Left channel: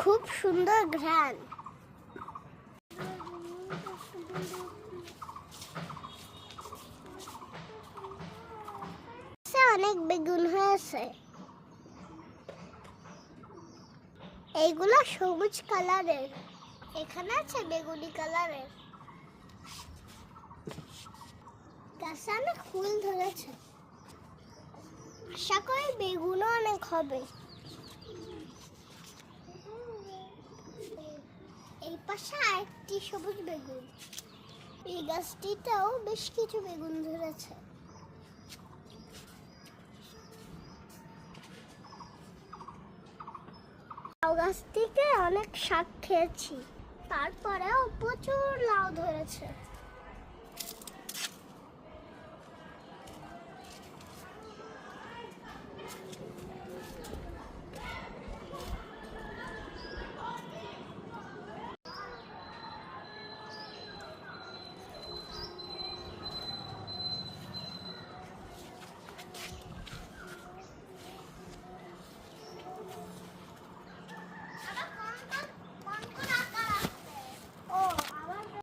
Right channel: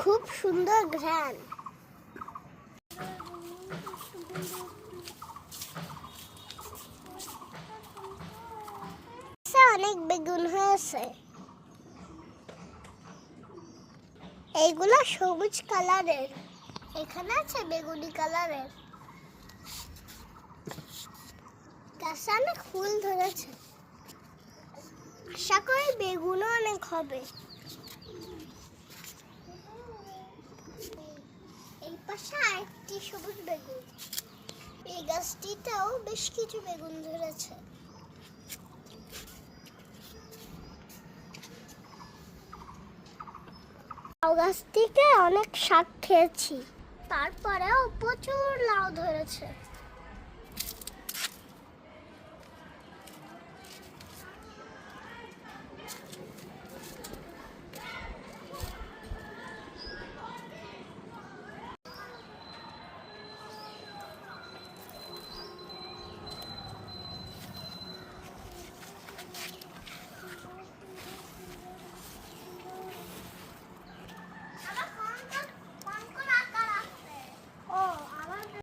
খুব সুন্দর ঘ্রাণ। অনেক বেগুন হয়েছে। এইগুলো সবুজ কালারের, এখানে আছে বেগুনি কালারের। গাছে অনেক ফুল ধরেছে, আশা করি বেগুনও অনেক হবে। এই পাশে আরেকটি সবুজ বেগুন, এই গাছটিতেও বেশ কিছু বেগুন ধরেছে। লাউ গাছটিতে অনেক শাক খেয়েছি, তারপরেও প্রচুর লাউ ধরেছে।